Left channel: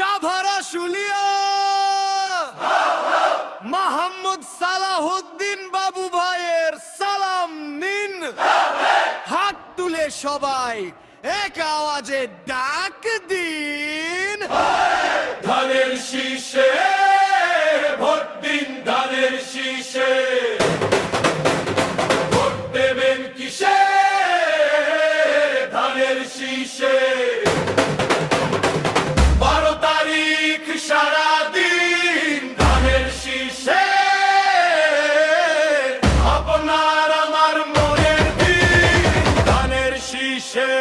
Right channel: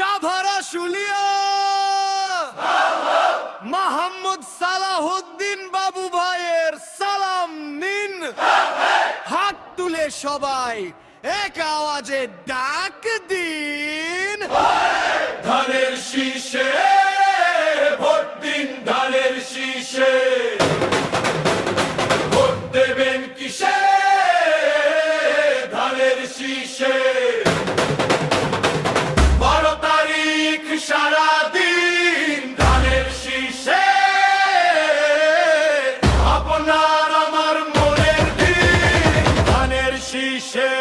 সাভারা শুলিয়া মোহাম্মদ সালাহুদ্দিন বাবু ভাইয়ের সালাম নিন। হাত তুলে সবাই এক আওয়াজে ডাক দিন, ধানের শীষে ভোট দিন, ধানের শীষে ভোট দেবেন কিসে, ধানের শীষে 12 তারিখ সারাদিন ধানের শীষে, আপনার আমার মনের দিন ধানের শীষে।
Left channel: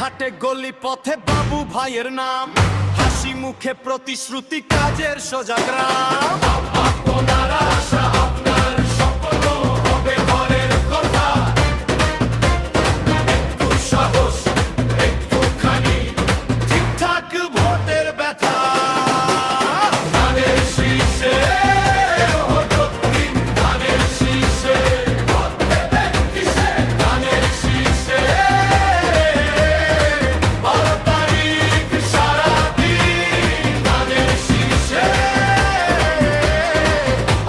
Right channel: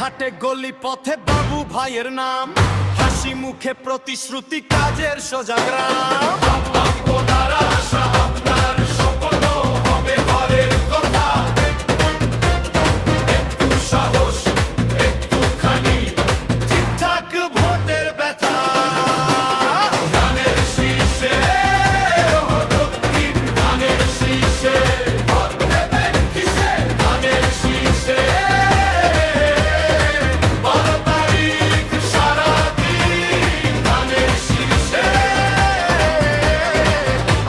ঘাটে গলি পথে বাবু ভাইয়ের নাম, হাসি মুখে প্রতিশ্রুতি, কাজের সোজা গ্রাম। আপনার আশা আপনার স্বপ্ন হবে ঘরের কথা, একটু সাহস একটুখানি ঠিকঠাক ভোটের ব্যথা, ধানের শীষে ভোট দিন, ধানের শীষে ভোট দেবেন কিসে, ধানের শীষে 12 তারিখ সারাদিন ধানের শীষে,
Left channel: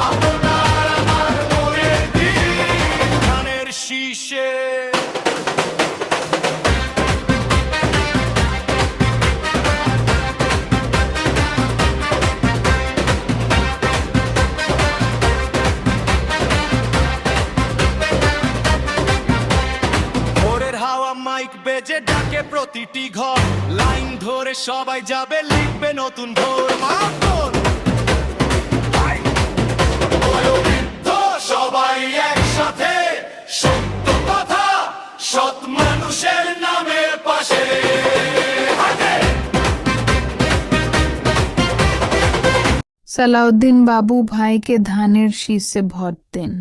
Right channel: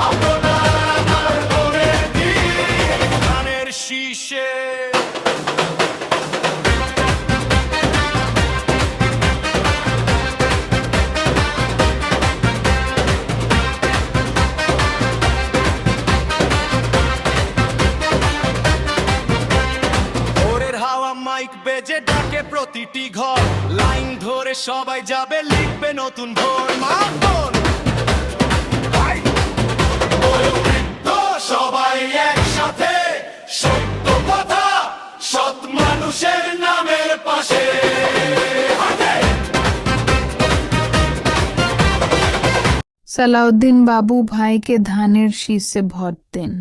আপনার আমার মনের দিন ধানের শীষে। ভোরের হাওয়া মাইক বেজে ডাকে প্রতিটি ঘর, লাইন ধরে সবাই যাবে লিখবে নতুন ভোর। মা বোন বয়োবৃদ্ধ সবাই একসাথে, সত্য কথা সৎ মানুষের নামের পাশে হাঁটে। সালাউদ্দিন বাবু ভাইকে ধানের শীষে ভোট দিন।